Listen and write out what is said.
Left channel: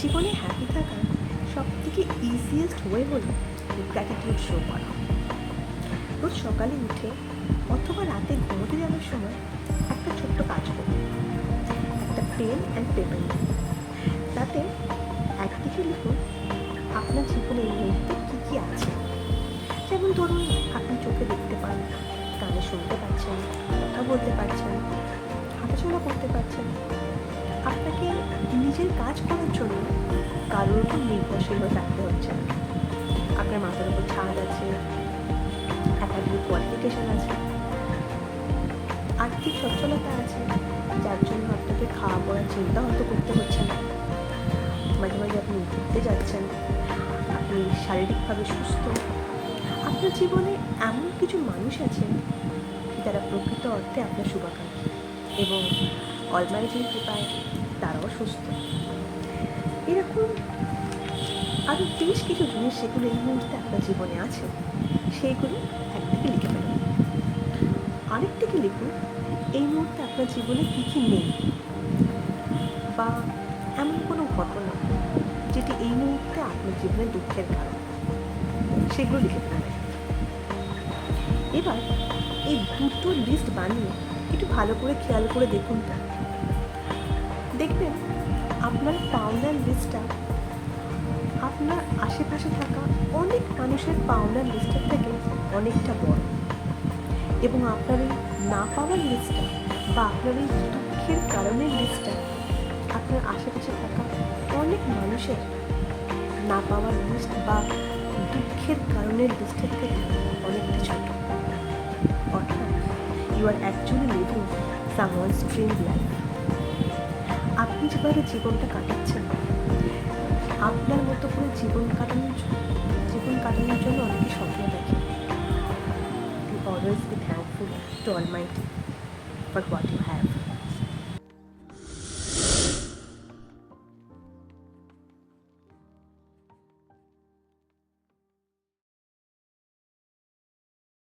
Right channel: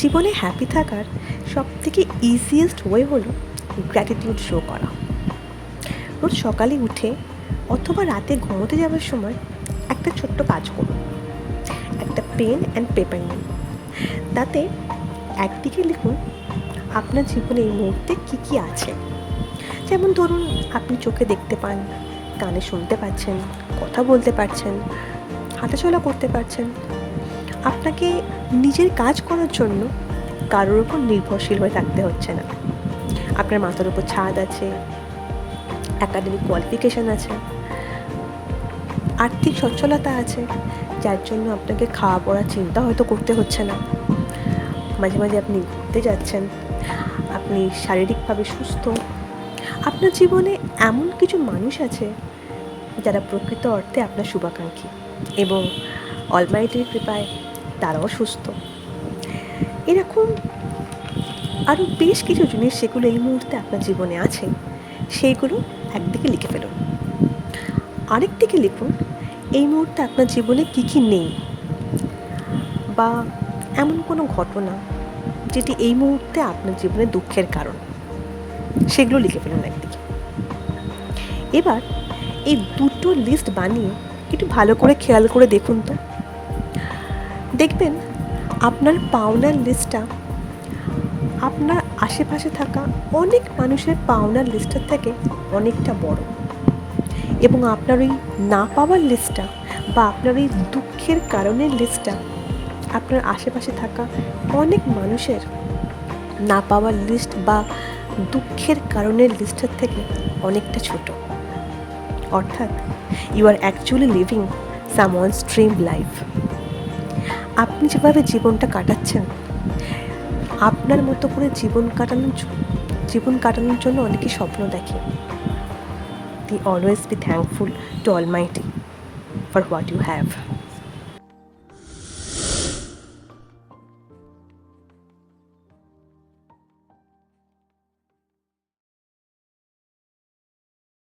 জীবনে হ্যাপি থাকার সবথেকে ইজিয়েস্ট ওয়ে হলো গ্র্যাটিটিউড শো করা। রোজ সকালে উঠে অথবা রাতে ঘুমোতে যাওয়ার সময় একটা ছোট্ট কাজ করুন। একটা পেন অ্যান্ড পেপার নিন। তাতে একদিকে লিখুন আপনার জীবনে এই মুহূর্তে কী কী আছে। যেমন ধরুন, আপনি চোখে দেখতে পান, কানে শুনতে পাচ্ছেন, কথা বলতে পারছেন, হাঁটাচলা করতে পারছেন। আপনাকে নিজের কাজ করার জন্য কারোর উপর নির্ভরশীল হয়ে থাকতে হচ্ছে না। আপনার মাথার উপর ছাদ আছে, একাডেমিক কোয়ালিফিকেশান আছে, আর্থিক সচ্ছলতা আছে, যার জন্য আপনাকে খাওয়া পড়ার চিন্তা হয়তো করতে হচ্ছে না। মাঝে মাঝে আপনি ঘুরতে যাচ্ছেন, আপনি শারীরিকভাবে সুস্থ। আপনার জীবনে এমন কিছু মানুষ আছে যারা প্রকৃত অর্থে আপনার শুভাকাঙ্ক্ষী এবং অলমাইটির কৃপায় তারাও সুস্থ। এরকম আরও বেশ কিছু জিনিস সেগুলো এই মুহূর্তে আপনার জীবনে আছে, সেইগুলো একদিকে লিখে ফেলুন। আরেকদিকে লিখুন এই মুহূর্তে আপনার জীবনে কী কী নেই, বা এমন কোনো ঘটনা যেটি এই মুহূর্তে আপনার জীবনে দুঃখের কারণ, সেগুলো লিখে ফেলুন একদিকে। এবার এই দুটো লিস্ট বানিয়ে একটু ভালো করে খেয়াল করে দেখুন তো। দেখবেন আপনার পাওনার লিস্টটা আপনার আশেপাশে থাকা অনেক মানুষের পাওনার লিস্টের থেকে অনেকটা বড়, এবং আপনার ওই না পাওয়ার লিস্টটা বা আপনার ওই দুঃখের কারণের লিস্টটা আপনার আশেপাশে থাকা অনেক মানুষের না পাওয়ার লিস্ট বা দুঃখের কারণের লিস্টের থেকে অনেকটা ছোট। অর্থাৎ you are actually living someone's dream life. আপনি যেভাবে জীবনটা কাটাচ্ছেন, আপনার মতো করে জীবন কাটানোর জন্য অনেকে স্বপ্ন দেখে। They always be thankful to Almighty for what you have.